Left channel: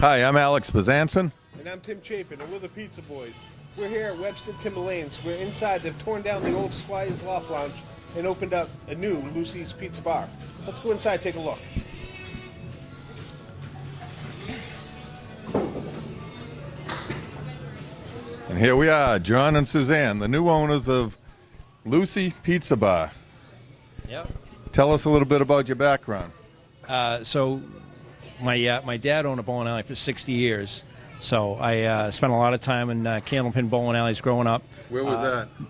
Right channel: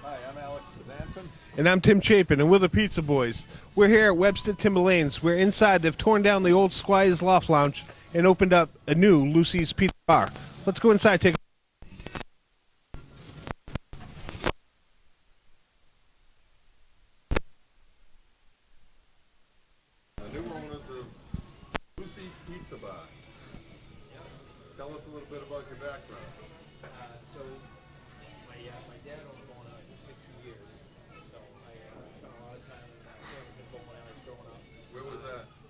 Hi, I'm Alex Bezanson. And I'm Tim Chapin, and we're the Pizza Boys. We're here at Webster Timber Lanes, where inside they've torn down the old Squire's Loft Lounge and opened up a new Luci's Pizza Bar. Let's go inside and take a look. And here we are, John and Suzanne, the new owners of Luci Pizza Bar. Yep. Tell us a little bit about your background. So my dad owned a bowling alley for 60 years. So I spent a lot of time in Candlepin bowling alleys growing up. Where was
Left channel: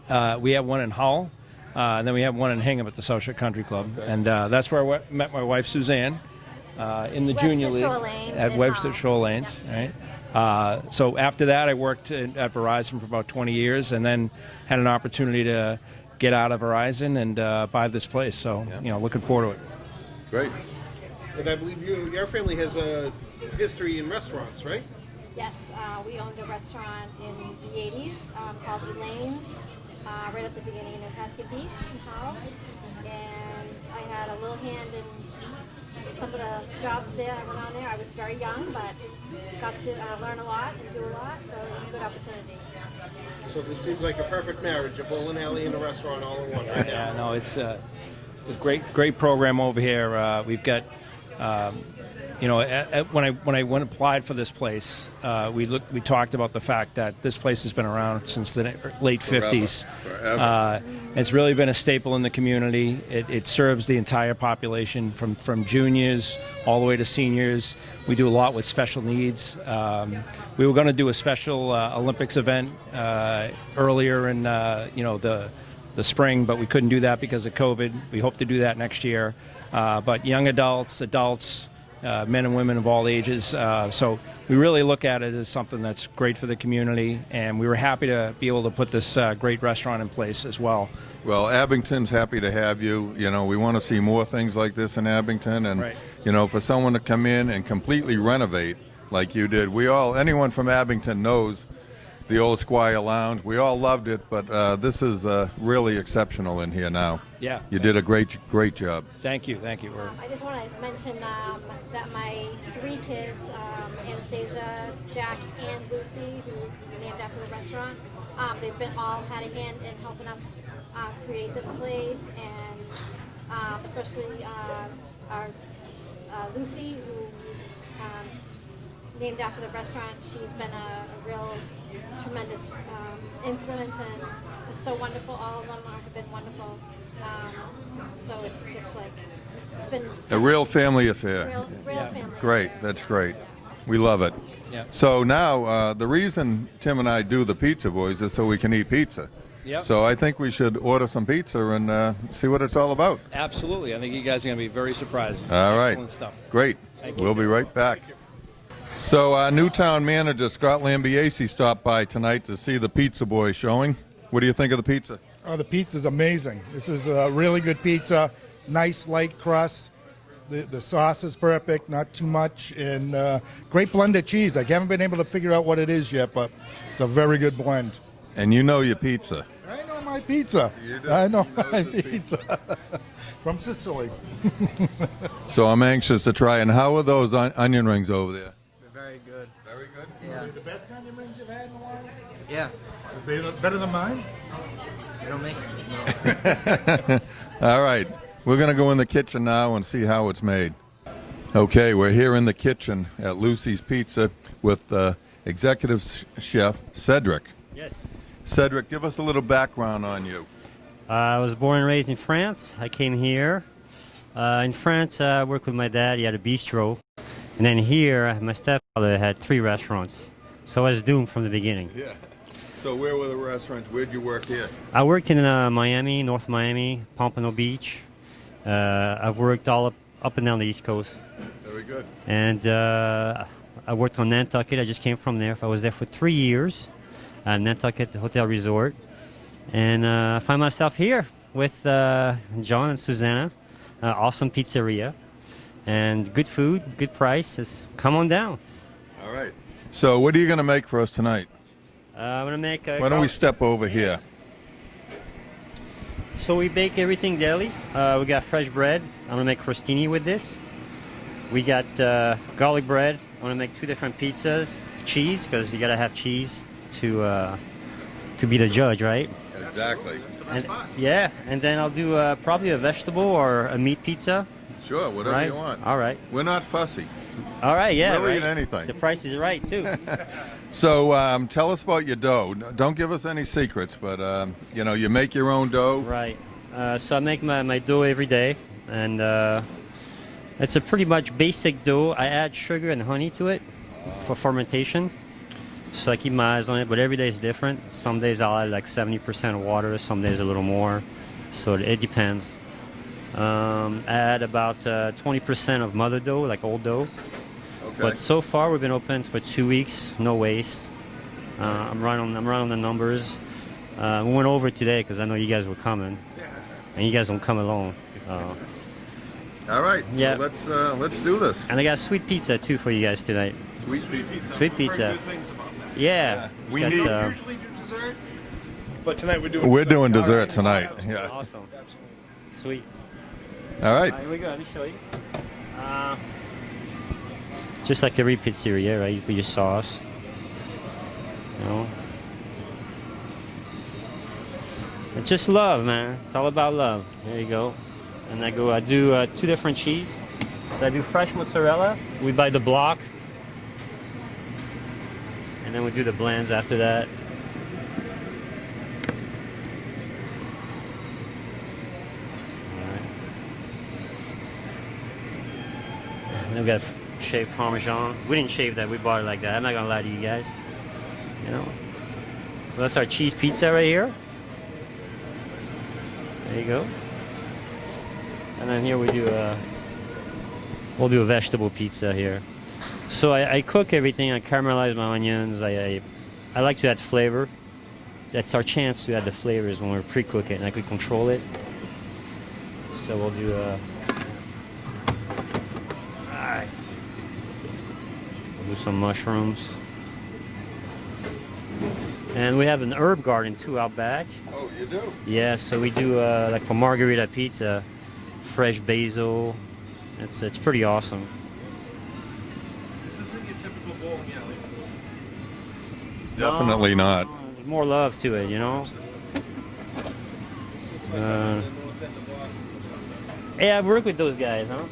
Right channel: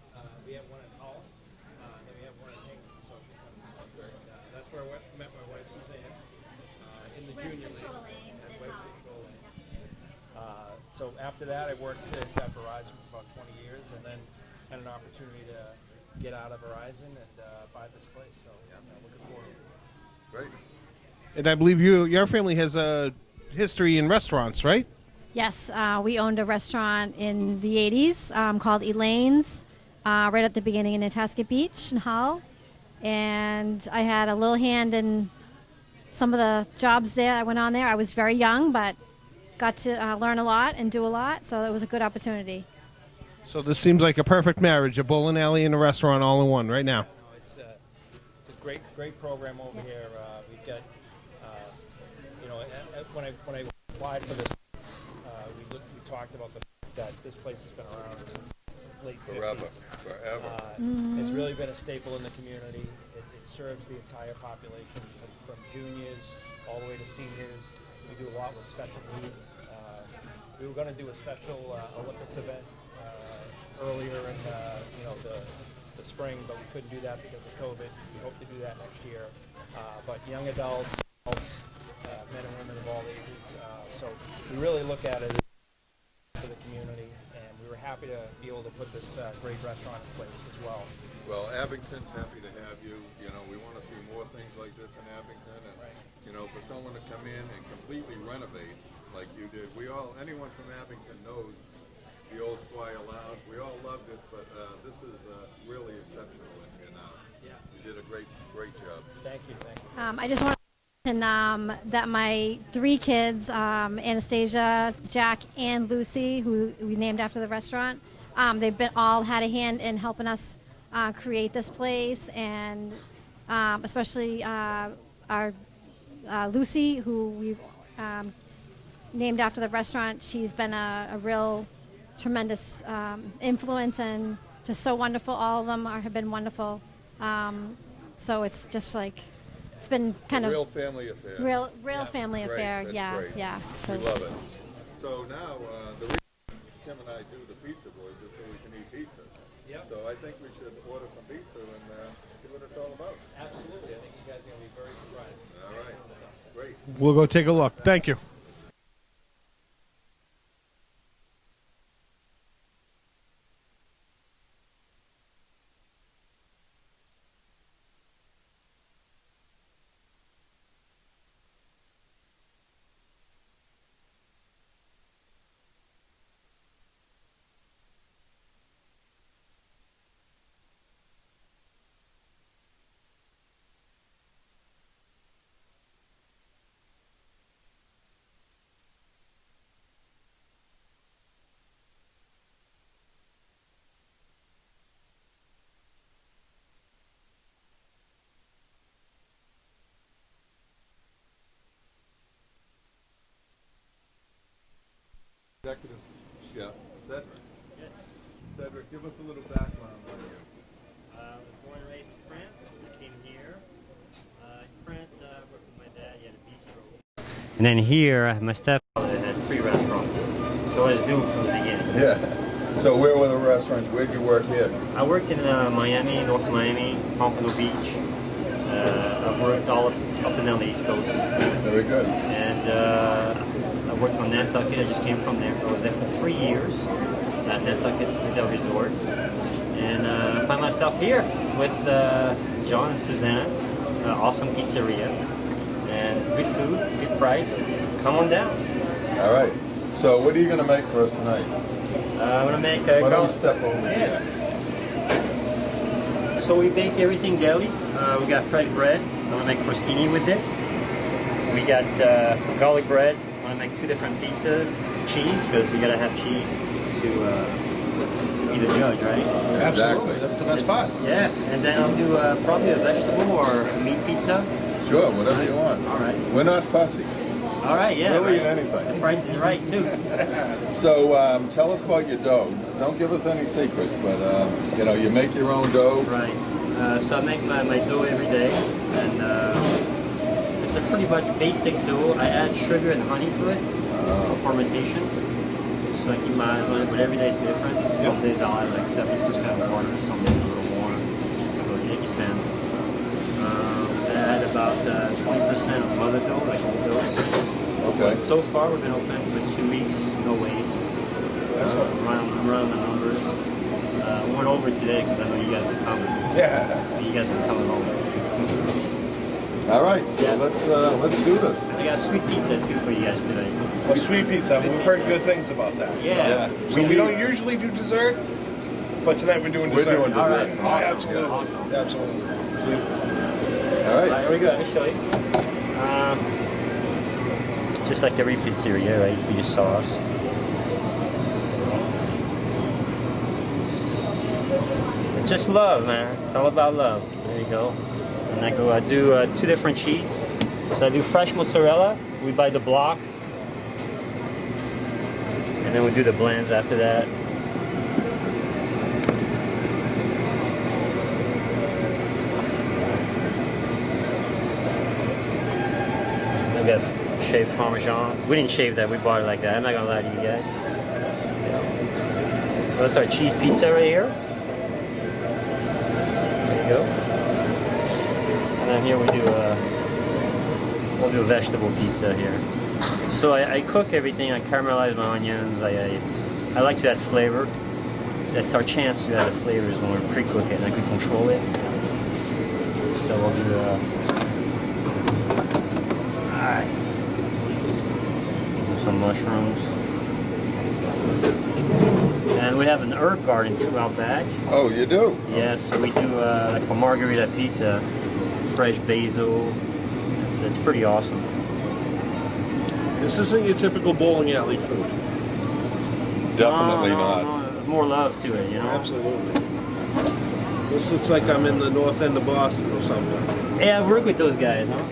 that? We have one in Hull, and then we have one in Hingham at the South Shore Country Club. Okay. And that's where I met my wife, Suzanne, in the junior league at Webster Shore Lanes. Yep. Right? So after that, I worked at Verizon for about 20 years and then had an opportunity to get out of Verizon and buy this place. So, looking forward to it. Great. And I believe your family has a history in restaurants, right? Yes, we owned a restaurant in the 80s called Elaine's, right at the beginning in Nantasket Beach in Hull. And I had a little hand in some of the jobs there that went on there. I was very young, but got to learn a lot and do a lot, so it was a good opportunity. So this seems like a perfect marriage, a bowling alley and a restaurant all in one right now. Yeah, no, it's a great program over here. We've got, when I went applied for this place, we talked about the fact that this place has been around since the late 50s. Forever. It's really been a staple in the community. It serves the entire population from juniors all the way to seniors. We do a lot with special needs. We were going to do a special Olympics event earlier in the spring, but we couldn't do that because of COVID. We hope to do that next year. But young adults, men and women of all ages. So we really look at it as something that's great for the community, and we were happy to be able to put this great restaurant in place as well. Well, Abington's happy to have you. We want to see more things like this in Abington, and right. For someone to come in and completely renovate like you did. Anyone from Abington knows the old Squire Lounge. We all loved it, but this is really exceptional in here now. Yeah. You did a great job. Thank you. I just want to mention that my three kids, Anastasia, Jack, and Lucy, who we named after the restaurant, they've all had a hand in helping us create this place, and especially our Lucy, who we've named after the restaurant. She's been a real tremendous influence and just so wonderful. All of them have been wonderful. So it's just like, it's been A real family affair. real family Great, affair. that's Yeah, great. Yeah. We love it. Yep. So now, the reason Tim and I do the Pizza Boys is so we can eat pizza. Yep. So I think we should order some pizza and see what it's all about. Absolutely. I think you guys are going to be very surprised. All right. Excellent stuff. Great. We'll go take be a right look. back. Thank you. So our new town manager, Scott Lambiase, stopped by tonight to see the Pizza Boy showing. What do you think of the pizza? Oh, the pizza's amazing. This is a really good pizza. Nice light crust. The sauce is perfect, not too much, and great blended cheese. I haven't been able to figure out what it is yet, but it's a very good blend. And you know your pizza. I know my pizza. You do? I know He knows my the pizza. From Sicily. So I'm anxious to try. And how are those onion rings over there? They're very good. Very good. Yeah. The best kind of rings you've had in a while? Yeah. Better than mine? You don't make it. All right. We're going to go in the kitchen now and see how it's made. Okay, we're here in the kitchen at Luci's Pizza with executive chef Cedric. Yes. Cedric, give us a little background on you. I was born and raised in France. I came here. In France, I worked with my dad. He had a bistro. And then here, my stepfather had 3 restaurants. So I was doomed from the beginning. Yeah. So where were the restaurants? Where'd you work here? I worked in Miami, North Miami, Pompano Beach. I've worked all up and down the East Coast. Very good. And I worked on Nantucket. I just came from there. I was there for 3 years at Nantucket Hotel Resort. And I find myself here with John and Suzanne. Awesome pizzeria. And good food, good prices. Come on down. All right. So what are you going to make for us tonight? I'm going to make Why don't we step over here? So we bake everything daily. We got fresh bread. I'm going to make crostini with this. We got garlic bread, I'm gonna make 2 different pizzas. Cheese, because you gotta have cheese to be the judge, right? Absolutely, that's the best spot. Yeah, and then I'll do probably a vegetable or a meat pizza. Sure, whatever Right. you want. All right. We're not fussy. All right, yeah. We'll eat right. anything. The price is right, too. So tell us about your dough. Don't give us any secrets, but you know, you make your own dough. Right. So I make my dough every day, and it's a pretty much basic dough. I add sugar and honey to it for fermentation. So I keep my eyes on it, but every day is different. Some days I'll add like 70% water, some days a little more. So it depends. I add about 20% of mother dough, like old dough. Okay. But so far we've been open for 2 weeks, no waste. Right on the numbers. We went over today because I know you guys were coming, Yeah. and you guys will come along. All right. Yeah. So let's do this. And I got a sweet pizza too for you guys tonight. A sweet pizza. Sweet We've heard pizza. good things about that. Yeah. We don't usually do dessert, but tonight we're doing We're dessert. doing dessert All right. tonight. Oh, absolutely. Yeah. Awesome. Absolutely. Sweet. All right. Here we go. Let me show you. Just like every pizzeria, right? You put your sauce. You know? It's just love, man. It's all about love. There you go. And I do 2 different cheese. So I do fresh mozzarella. We buy the block. And then we do the blends after that. Then we got shaved Parmesan. We didn't shave that, we bought it like that. I'm not gonna lie to you guys. You know. Well, that's our cheese pizza right here. There you go. And then here we'll do a vegetable pizza here. So I cook everything, I caramelize my onions, I like to add flavor. That's our chance to add the flavors when we pre-cook it and I can control it. So we'll do some mushrooms. And we have an herb garden too out back. Oh, you do? Yeah, so we do like a margarita pizza, fresh basil. It's pretty awesome. This isn't your typical bowling alley food. Definitely No, not. no, more love to it, you know? Absolutely. This looks like I'm in the north end of Boston or somewhere. Yeah, I've worked with those guys, huh?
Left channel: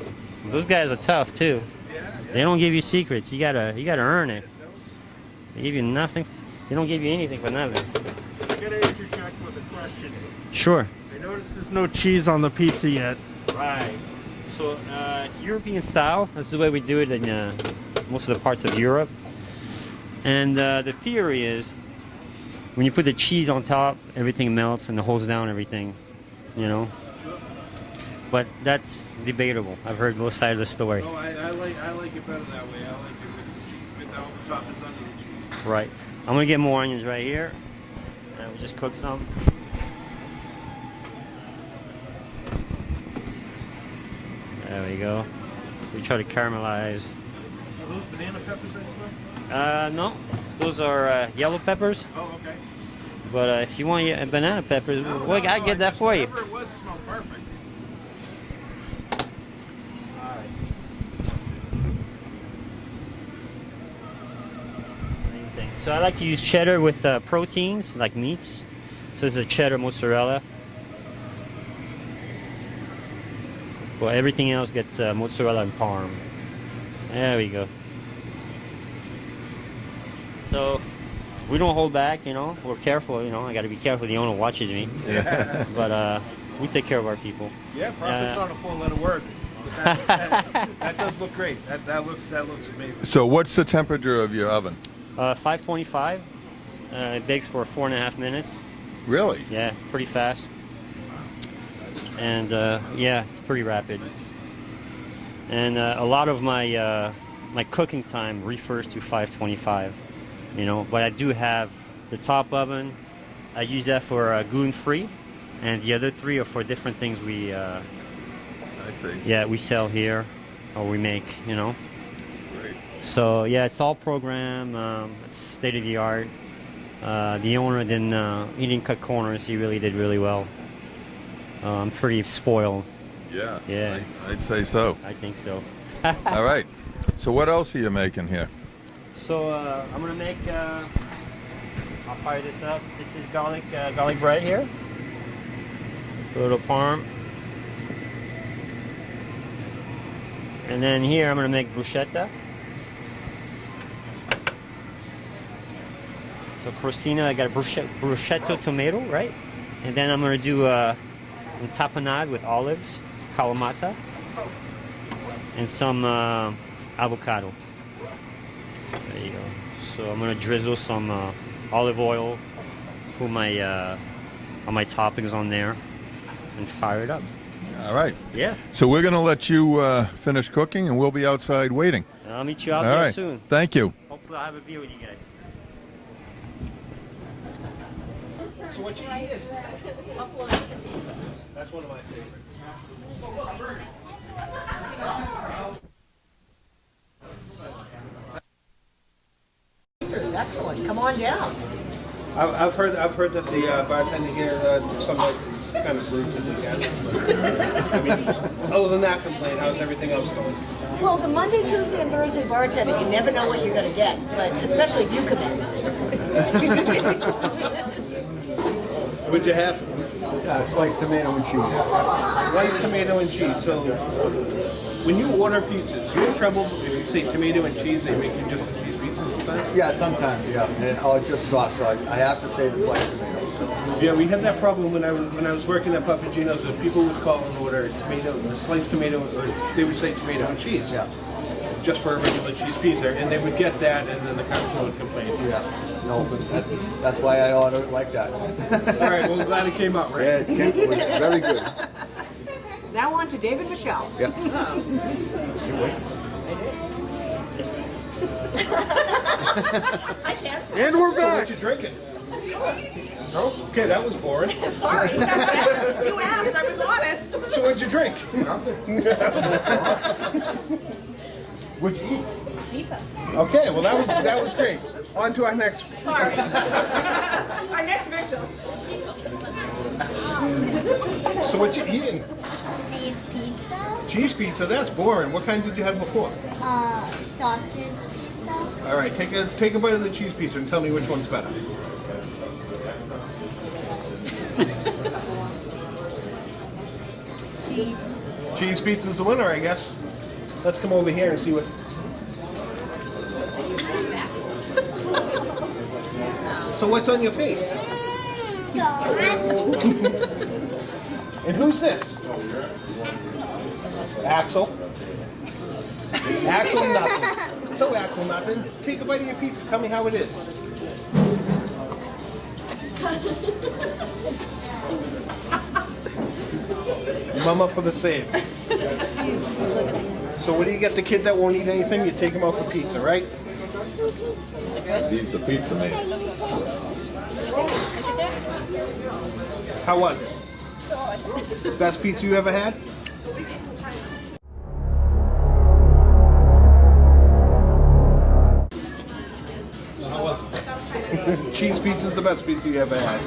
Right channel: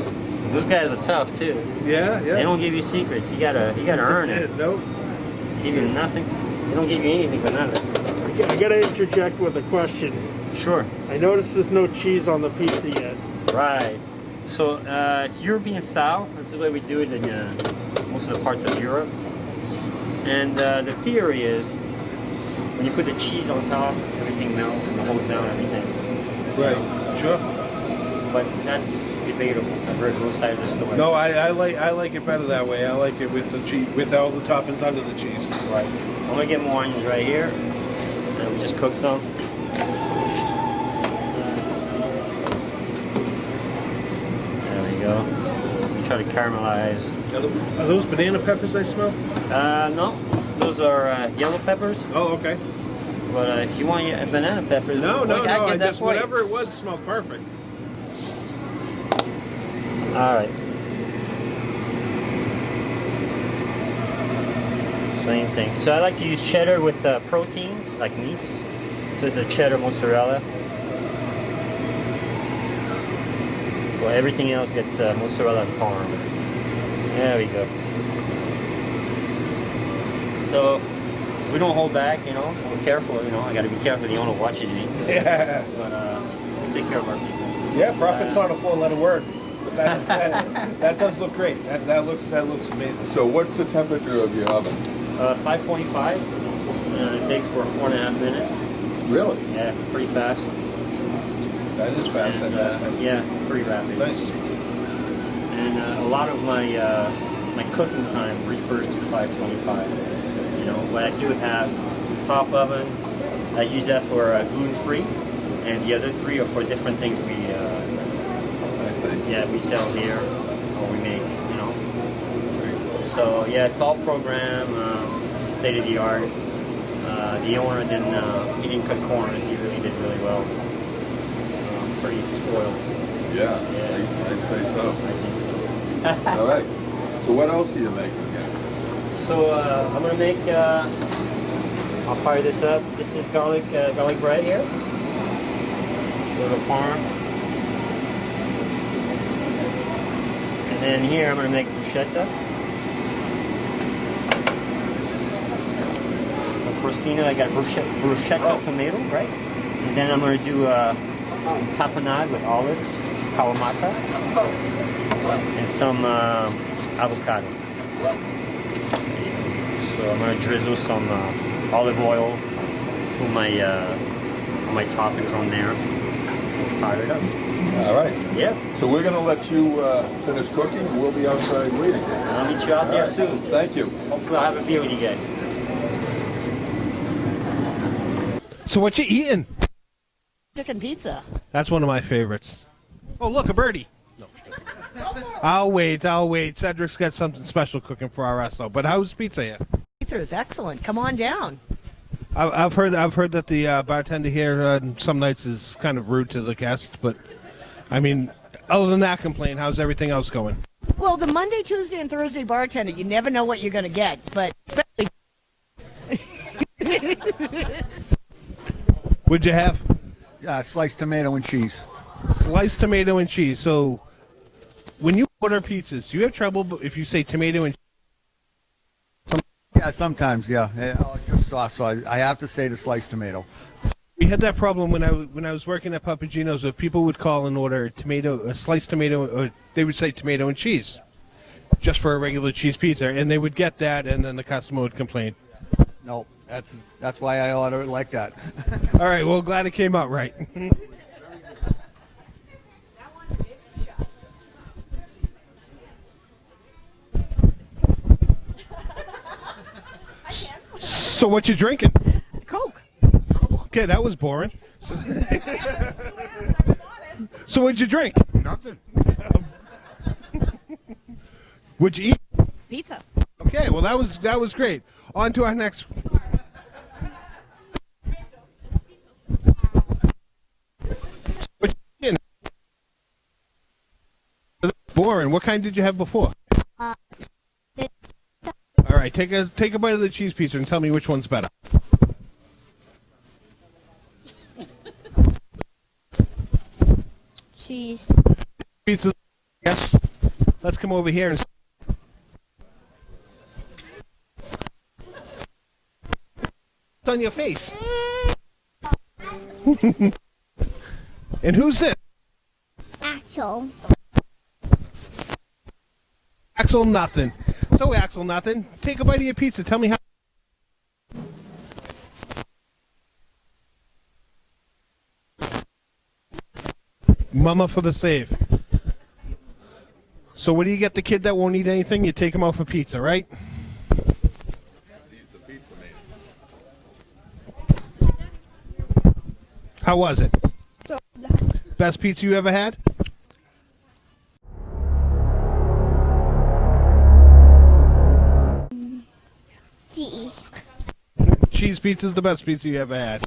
Those guys are tough too. Yeah, yeah. They don't give you secrets. You gotta earn it. Nope. They give you nothing. They don't give you anything for nothing. I gotta interject with a question. Sure. I noticed there's no cheese on the pizza yet. Right. So it's European style. That's the way we do it in most of the parts of Europe. And the theory is, when you put the cheese on top, everything melts and it holds down everything. You Right. know? Sure. But that's debatable. I've heard both sides of the story. No, I like it better that way. I like it with the cheese, with all the toppings under the cheese. Right. I'm gonna get more onions right here, and we just cook some. There we go. We try to caramelize. Are those banana peppers I smell? No, those are yellow peppers. Oh, okay. But if you want banana peppers, No, I can get that just, for you. whatever it was smelled perfect. All right. Same thing. So I like to use cheddar with proteins, like meats. This is a cheddar mozzarella. Well, everything else gets mozzarella and parm. There we go. So we don't hold back, you know. We're careful, you know. I got to be careful. The owner watches me. Yeah. But we take care of our people. Yeah, profit's not a 4-letter word. But that does look great. That looks amazing. So what's the temperature of your oven? 525. It bakes for 4.5 minutes. Really? Yeah, pretty fast. That is fast. And yeah, it's pretty rapid. Nice. And a lot of my my cooking time refers to 525. You know, but I do have the top oven. I use that for gluten-free, and the other 3 are for different things I see. yeah, we sell here or we make. You know. So yeah, it's all programmed, state of the art. The owner didn't cut corners. He really did really well. I'm pretty spoiled. Yeah. Yeah. I'd say so. I think so. All right. So what else are you making here? So I'm gonna make. I'll fire this up. This is garlic bread here. A little parm. And then here I'm gonna make bruschetta. So crostino, I got bruschetta tomato, right? And then I'm gonna do tapenade with olives, kalamata, and some avocado. There you go. So I'm gonna drizzle some olive oil, put my all my toppings on there, and fire it up. All right. Yeah. So we're going to let you finish cooking, and we'll be outside waiting. I'll meet you out All there right. soon. Thank you. Hopefully I'll have a beer with you guys. So what you eating? Chicken pizza. That's one of my favorites. Oh, look, a birdie. I'll wait. Cedric's got something special cooking for our resto. But how's pizza here? Pizza is excellent. Come on down. I've heard that the bartender here some nights is kind of rude to the guests, but I mean, other than that complaint, how's everything else going? Well, the Monday, Tuesday, and Thursday bartender, you never know what you're going to get, but especially if you come in. What'd you have? Sliced tomato and cheese. Sliced tomato and cheese. So, when you order pizzas, you have trouble if you say tomato and cheese, they make you just a cheese pizza sometimes? Yeah, sometimes, yeah. And I'll just sauce, so I have to say the sliced tomato. Yeah, we had that problem when I was working at Papagino's. People would call and order a sliced tomato, or they would say tomato and cheese, Yeah. just for a regular cheese pizza, and they would get that, and then the customer would complain. Yeah. No, but that's why I order it like that. All right, well, glad it came out right. Yeah, it was very good. Now on to David Michelle. Yeah. So what you drinking? Okay, that was boring. Sorry. You asked. I was honest. So what'd you drink? What'd you eat? Pizza. Okay, well that was great. On to our next. Sorry. Our next victim. So what you eating? Cheese pizza, Cheese pizza. That's boring. What kind did you have before? sausage pizza, All right, take a bite of the cheese pizza and tell me which one's better. cheese. Cheese pizza's the winner, I guess. Let's come over here and see what. So what's on your face? Sauce. And who's this? Axel. Axel. Axel nothing. So Axel nothing. Take a bite of your pizza. Tell me how it is. Mama for the save. So what do you get the kid that won't eat anything? You take him out for pizza, right? He's the pizza man. How was it? Best pizza you ever had? Cheese pizza's the best pizza you ever had.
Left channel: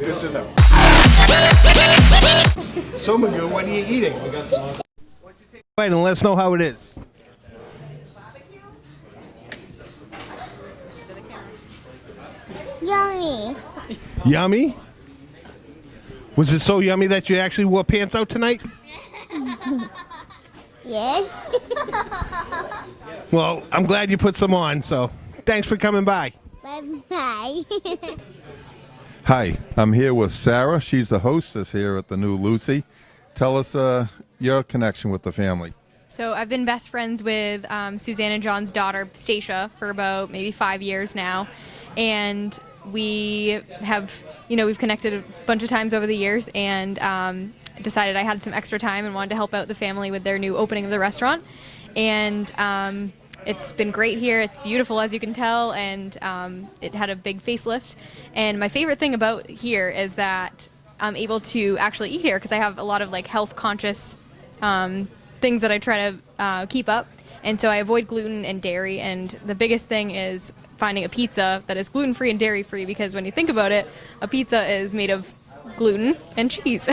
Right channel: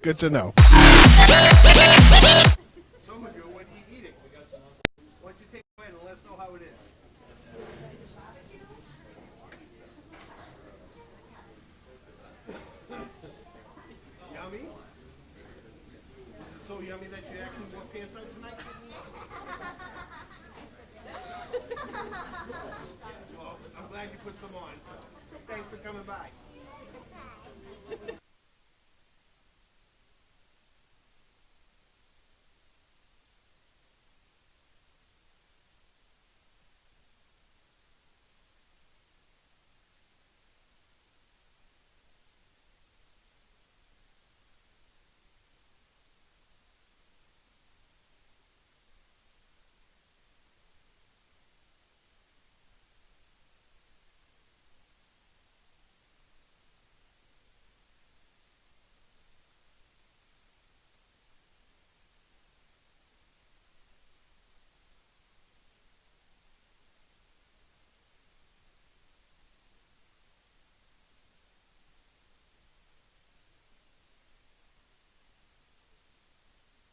Good to know. So Magoo, what are you eating? Why don't you take a bite and let us know how it is. Yummy. Yummy? Was it so yummy that you actually wore pants out tonight? Yes. Well, I'm glad you put some on, so thanks for coming by. Bye. Hi, I'm here with Sarah. She's the hostess here at the new Luci. Tell us your connection with the family. So I've been best friends with Suzanne and John's daughter, Stacia, for about maybe 5 years now. And we have, we've connected a bunch of times over the years, and decided I had some extra time and wanted to help out the family with their new opening of the restaurant. And it's been great here. It's beautiful, as you can tell, and it had a big facelift. And my favorite thing about here is that I'm able to actually eat here, because I have a lot of health conscious things that I try to keep up. And so I avoid gluten and dairy, and the biggest thing is finding a pizza that is gluten-free and dairy-free, because when you think about it, a pizza is made of gluten and cheese.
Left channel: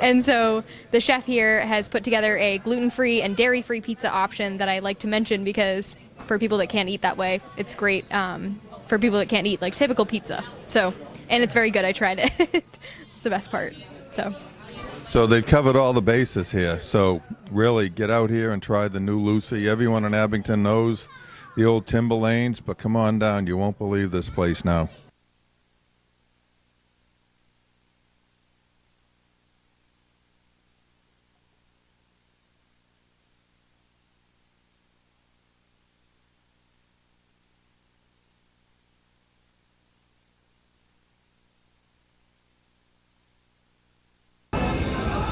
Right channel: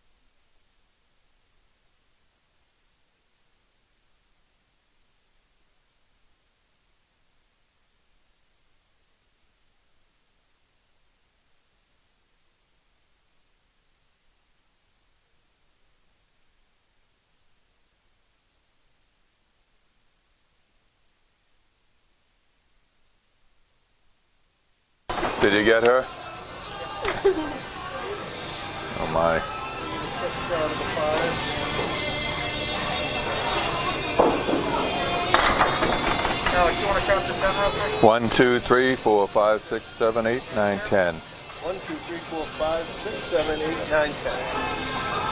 And so the chef here has put together a gluten-free and dairy-free pizza option that I like to mention because for people that can't eat that way, it's great for people that can't eat like typical pizza. So, and it's very good. I tried it. It's the best part. So they've covered all the bases here. So really get out here and try the new Luci. Everyone in Abington knows the old Timber Lanes, but come on down. You won't believe this place now. Did you get her? Oh my. Alex, you want to count to 10 real quick? 1, 2, 3, 4, 5, 6, 7, 8, 9, 10. 1, 2, 3, 4, 5, 6, 7, 8, 9, 10.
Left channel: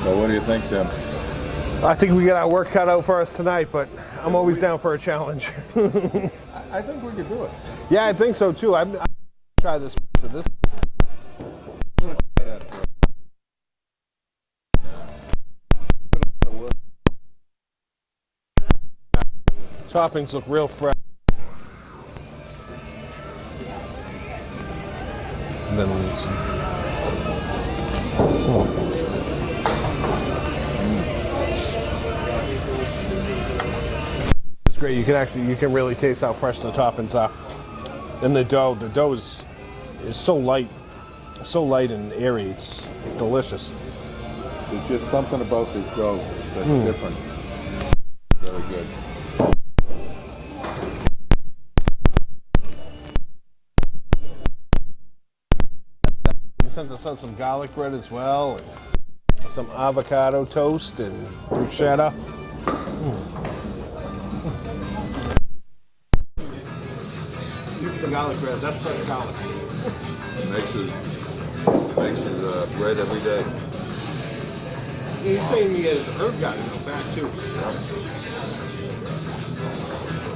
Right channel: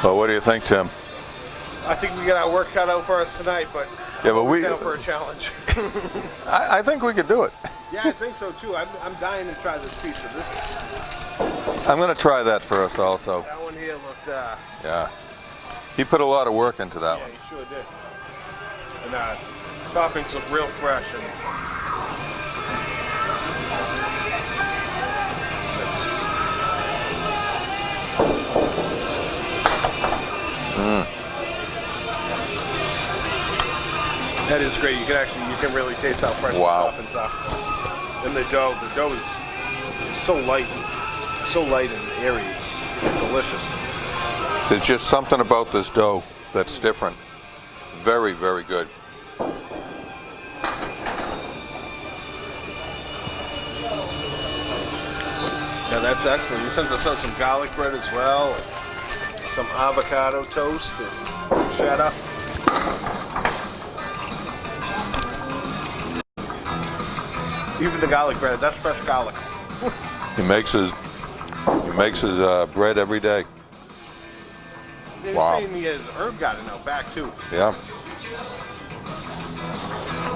Well, what do you think, Tim? I think we got our work cut out for us tonight, but I'm always down for a challenge. I think we could do it. Yeah, I think so too. I'm dying to try this pizza. I'm going to try that for us also. That one here looked. Yeah. He put a lot of work into that one. He sure did. And toppings look real fresh. And then that is great. You can really taste how fresh the toppings are. And the dough is so light and airy. It's delicious. There's just something about this dough that's different. Very, very good. Yeah, that's excellent. You sent us out some garlic bread as well, and some avocado toast and bruschetta. Even the garlic bread, that's fresh garlic. He makes his bread every day. He's saying he has herb garden out back too. Yeah.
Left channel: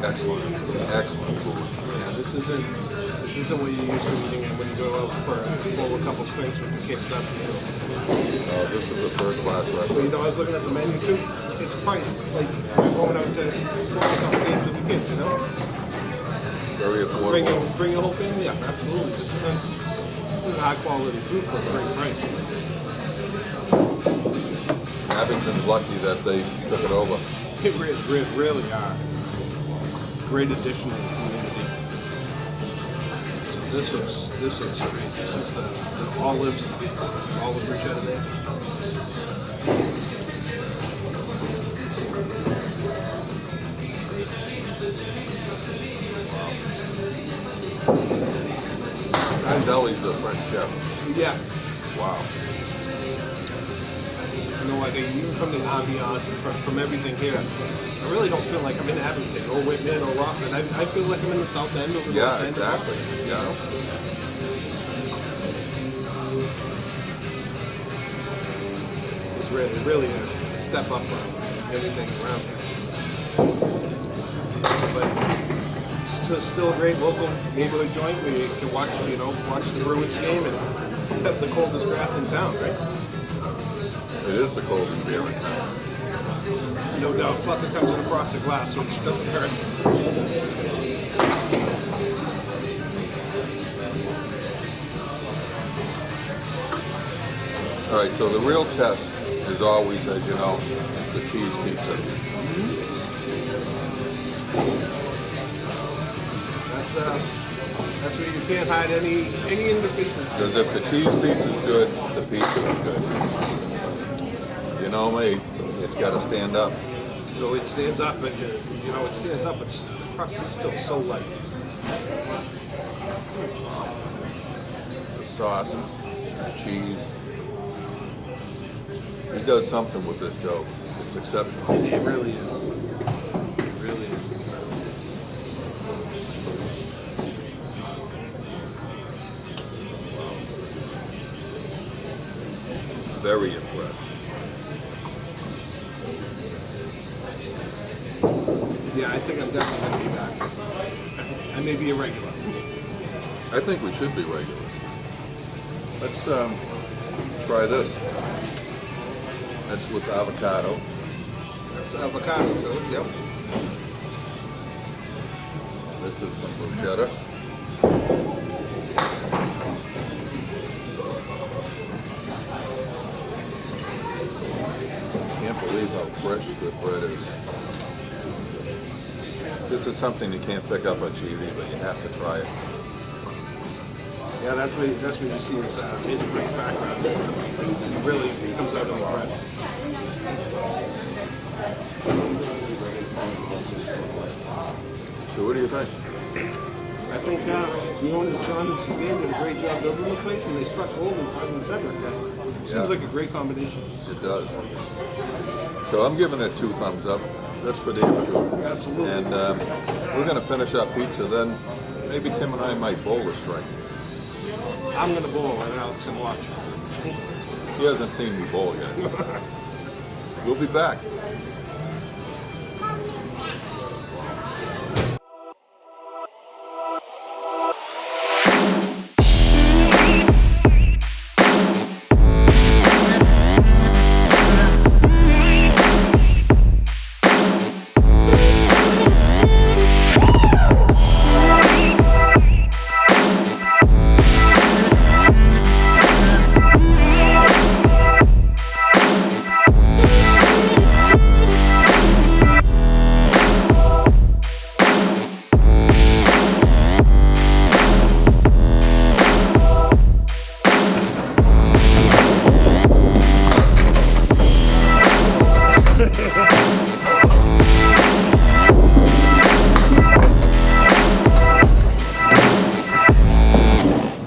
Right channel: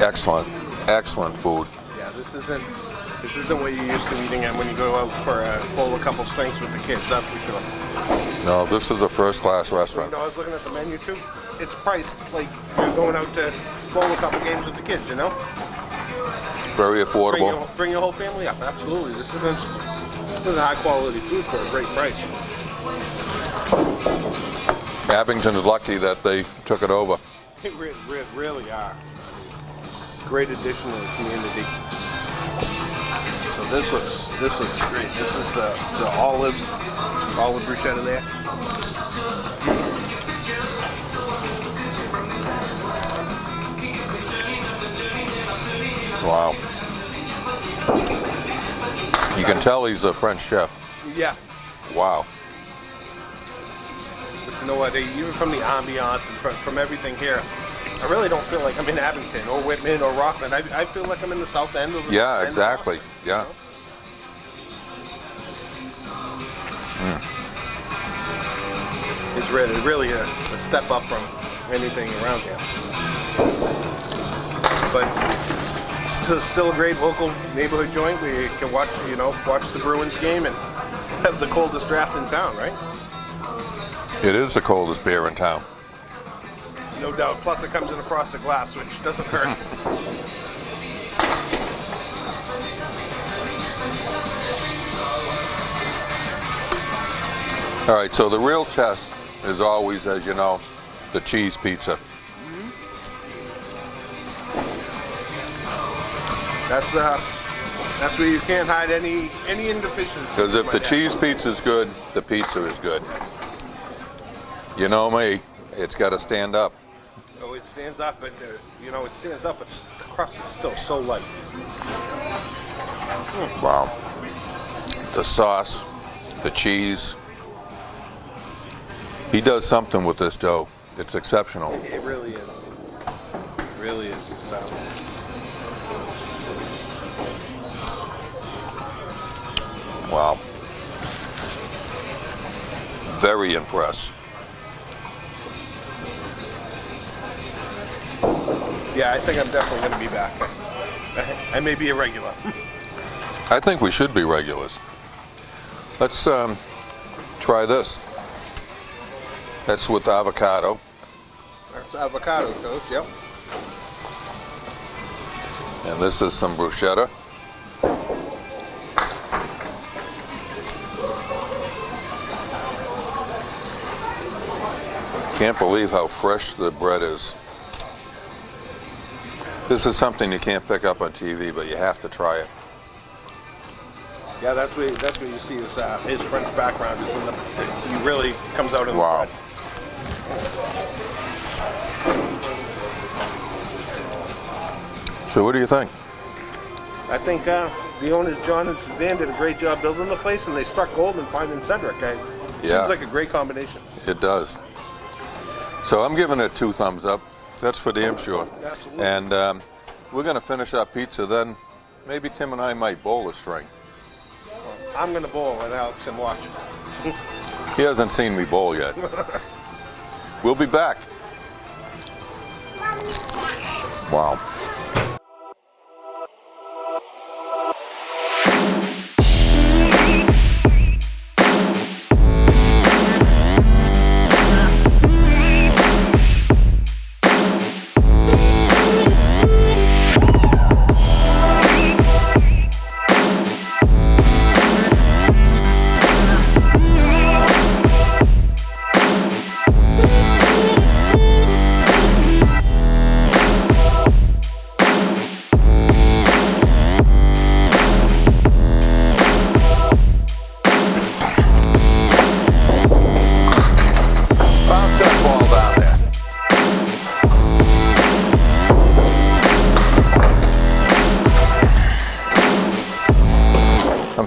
Excellent, excellent food. Yeah, this isn't what you're used to eating at when you go out for a couple stinks with the kids. That's for sure. No, this is a first-class You restaurant. know, I was looking at the menu too. It's priced like you're going out to roll a couple games with the kids. You know. Very affordable. Bring your whole family up. Absolutely. This is high quality food for a great price. Abington is lucky that they took it over. It really are. Great addition to the community. So this looks great. This is the olive bruschetta there. Wow. You can tell he's a French chef. Yeah. Wow. You know what? Even from the ambiance and from everything here, I really don't feel like I'm in Abington or Whitman or Rockland. I feel like I'm in the South End. Of the Yeah, North End exactly. of Boston, Yeah. you know? It's really a step up from anything around here. But still a great local neighborhood joint where you can watch the Bruins game and have the coldest draft in town, right? It is the coldest beer in town. No doubt. Plus it comes in a frosted glass, which doesn't hurt. All right, so the real test is always, as you know, the cheese pizza. That's where you can't hide any inefficiencies. Because if the cheese pizza is good, the pizza is good. You know me, it's got to stand up. So it stands up, and it stands up. The crust is still so light. Wow. The sauce, the cheese. He does something with this dough. It's exceptional. It really is. It really is. Wow. Very impressed. Yeah, I think I'm definitely going to be back. I may be a regular. I think we should be regulars. Let's try this. That's with avocado. That's avocado toast, yep. And this is some bruschetta. can't believe how fresh the bread is. This is something you can't pick up on TV, but you have to try it. Yeah, that's what you see his French background is, and he really comes out in the bread. So what do you think? I think the owners, John and Suzanne, did a great job building the place, and they struck gold in finding Cedric. Yeah. Seems like a great combination. It does. So I'm giving it 2 thumbs up. That's for damn sure. And we're going to finish our pizza. Then maybe Tim and I might bowl a string. I'm going to bowl with Alex and watch. He hasn't seen me bowl yet. We'll be back. Wow.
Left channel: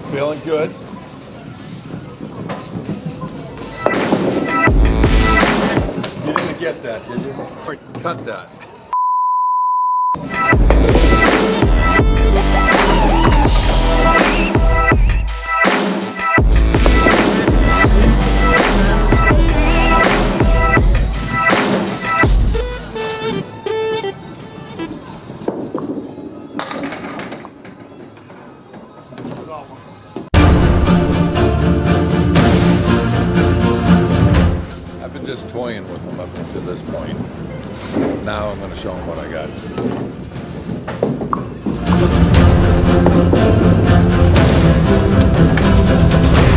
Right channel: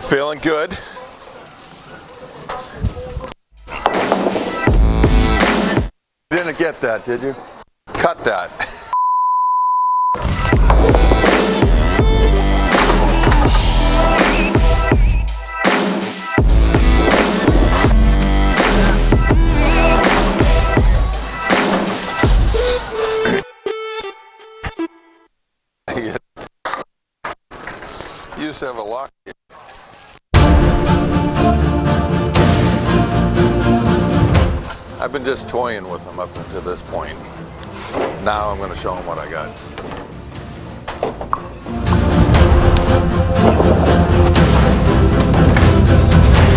Feeling good. You didn't get that, did you? Cut that. You just have a lock. I've been just toying with them up to this point. Now I'm going to show them what I got.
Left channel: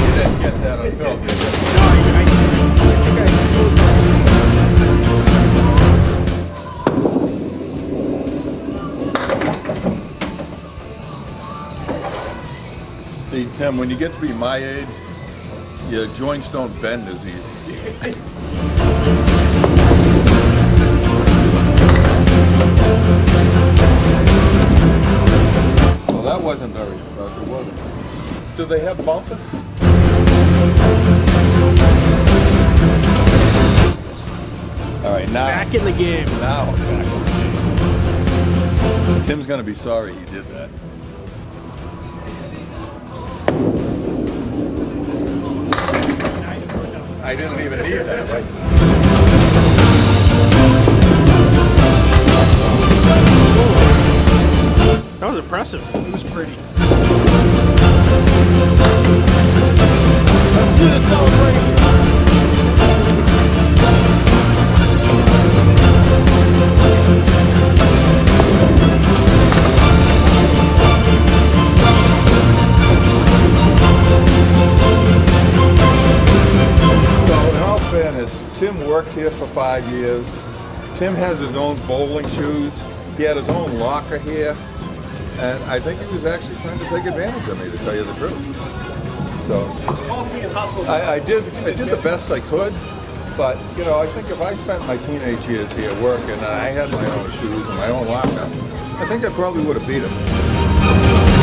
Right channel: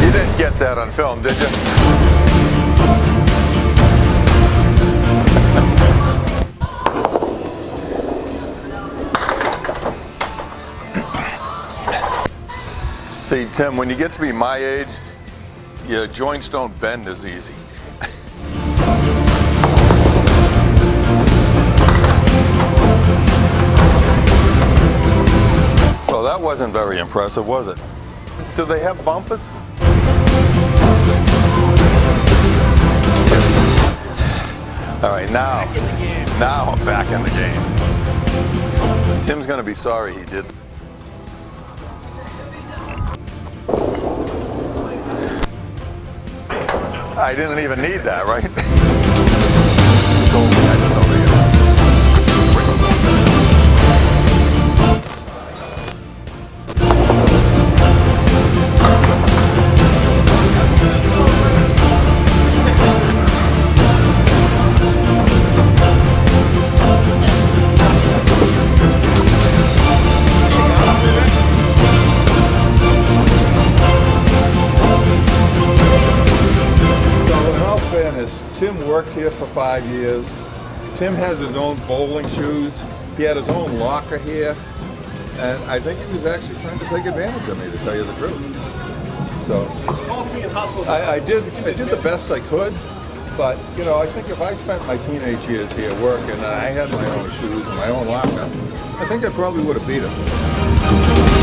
You didn't get that on film, did you? See, Tim, when you get to be my age, your joints don't bend as easy. Well, that wasn't very impressive, was it? Do they have bumpers? All right, now. Back in the game. Now I'm back in the game. Tim's gonna be sorry he did that. I didn't even need that, right? That was impressive. It was pretty. Tim worked here for 5 years. Tim has his own bowling shoes. He had his own locker here. And I think he was actually trying to take advantage of me, to tell you the truth. So It's called being hustled. I did the best I could. But, you know, I think if I spent my teenage years here working and I had my own shoes and my own locker, I think I probably would have beat him.